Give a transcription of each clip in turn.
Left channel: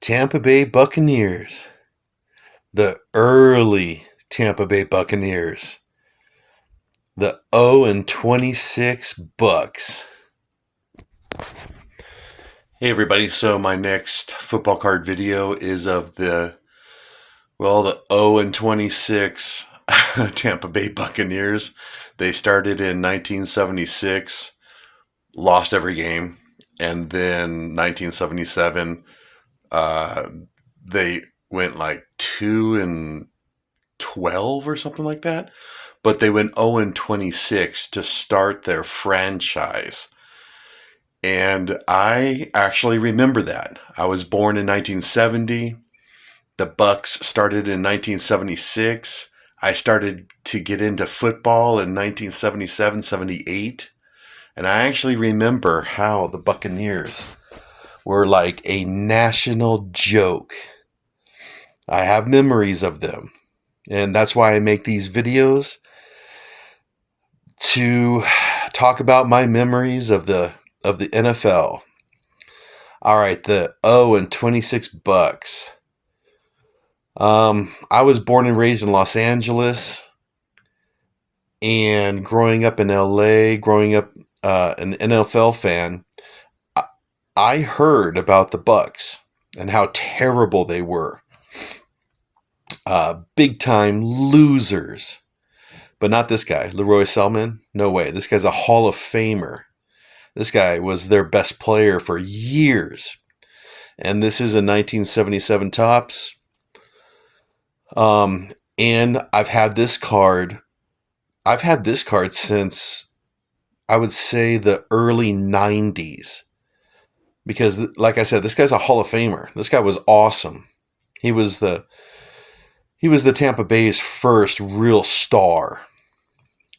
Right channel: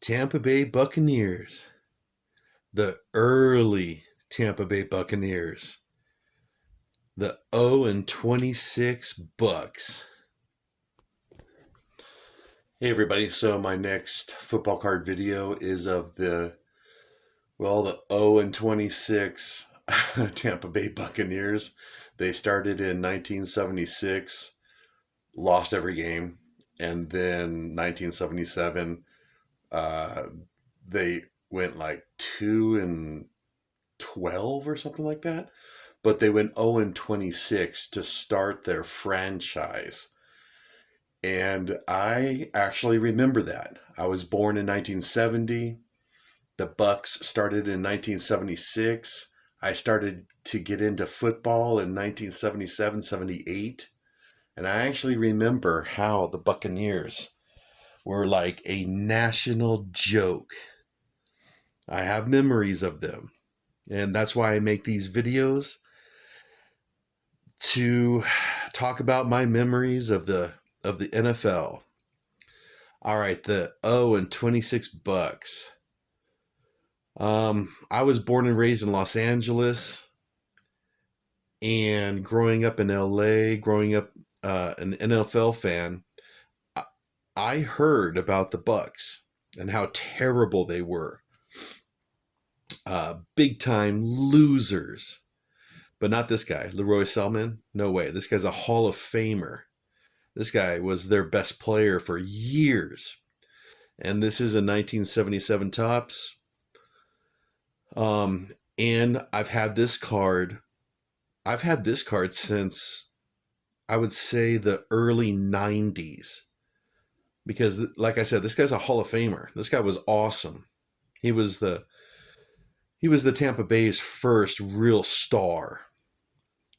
Tampa Bay Buccaneers. The early Tampa Bay Buccaneers. The 0-26 Bucs. Hey everybody, so my next football card video is of the 0-26 Tampa Bay Buccaneers. They started in 1976, lost every game, and then 1977, they went like 2-12 or something like that. But they went 0-26 to start their franchise. And I actually remember that. I was born in 1970. The Bucs started in 1976. I started to get into football in 1977, 78. And I actually remember how the Buccaneers were like a national joke. I have memories of them. And that's why I make these videos, to talk about my memories of the NFL. All right, the 0-26 Bucs. I was born and raised in Los Angeles, and growing up in LA, growing up an NFL fan, I heard about the Bucs and how terrible they were. Big time losers. But not this guy, Leroy Selman. No way. This guy's a Hall of Famer. This guy was their best player for years. And this is a 1977 Topps. And I've had this card. I've had this card since, I would say, the early 90s. Because, like I said, this guy's a Hall of Famer. This guy was awesome. He was the Tampa Bay's first real star.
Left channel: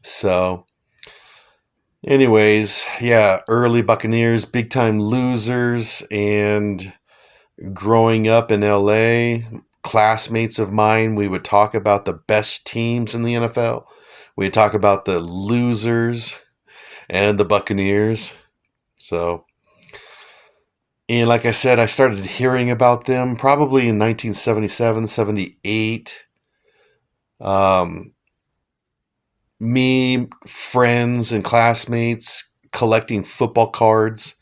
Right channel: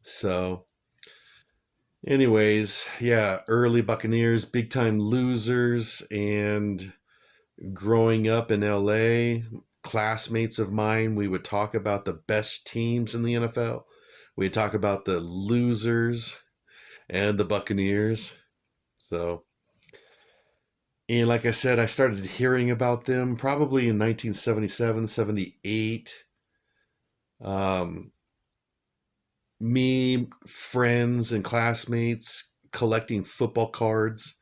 So, anyways, yeah, early Buccaneers, big time losers, and growing up in LA, classmates of mine, we would talk about the best teams in the NFL. We'd talk about the losers and the Buccaneers. So, and like I said, I started hearing about them probably in 1977, 78. Me, friends, and classmates collecting football cards,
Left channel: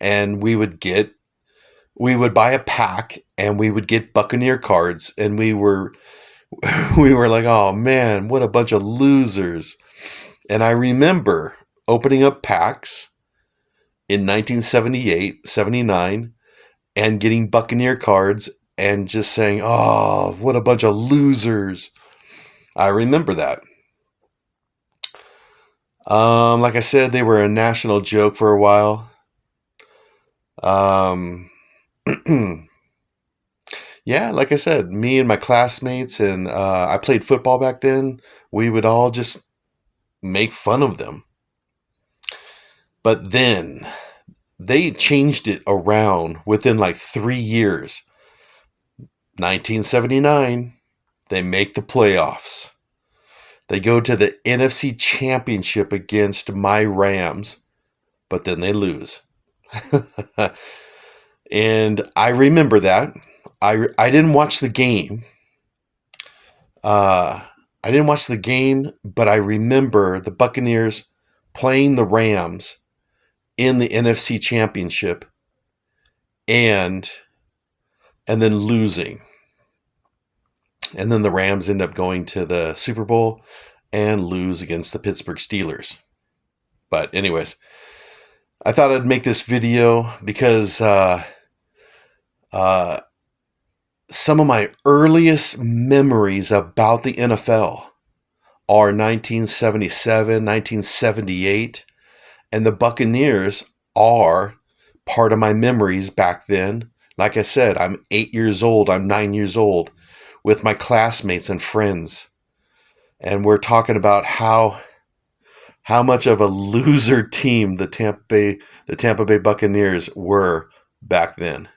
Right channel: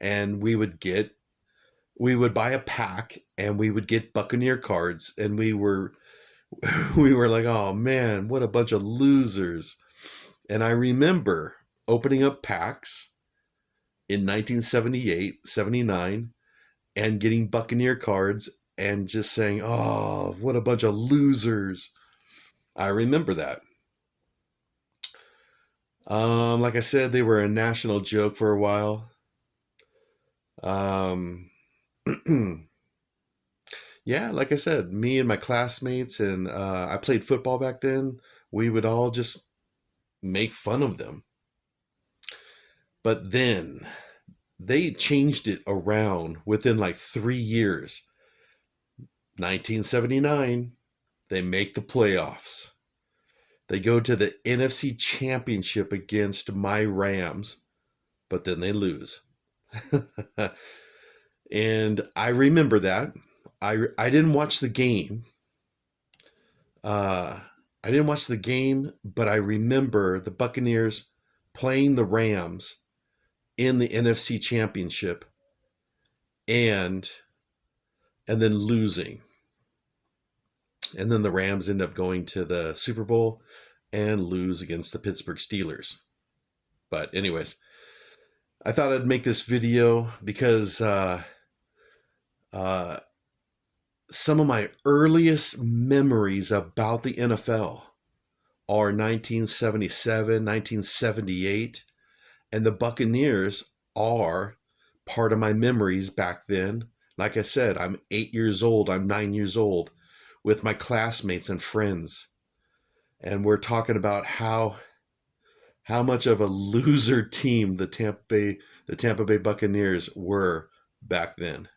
and we would buy a pack, and we would get Buccaneer cards, and we were like, oh man, what a bunch of losers. And I remember opening up packs in 1978, 79, and getting Buccaneer cards and just saying, oh, what a bunch of losers. I remember that. Like I said, they were a national joke for a while. Yeah, like I said, me and my classmates, and I played football back then. We would all just make fun of them. But then they changed it around within like 3 years. 1979, they make the playoffs. They go to the NFC Championship against my Rams, but then they lose. And I remember that. I didn't watch the game. I didn't watch the game, but I remember the Buccaneers playing the Rams in the NFC Championship and then losing. And then the Rams end up going to the Super Bowl and lose against the Pittsburgh Steelers. But anyways, I thought I'd make this video because some of my earliest memories about the NFL are 1977, 1978, and the Buccaneers are part of my memories back then. Like I said, I'm 8 years old, I'm 9 years old, with my classmates and friends. And we're talking about how much of a loser team the Tampa Bay Buccaneers were back then.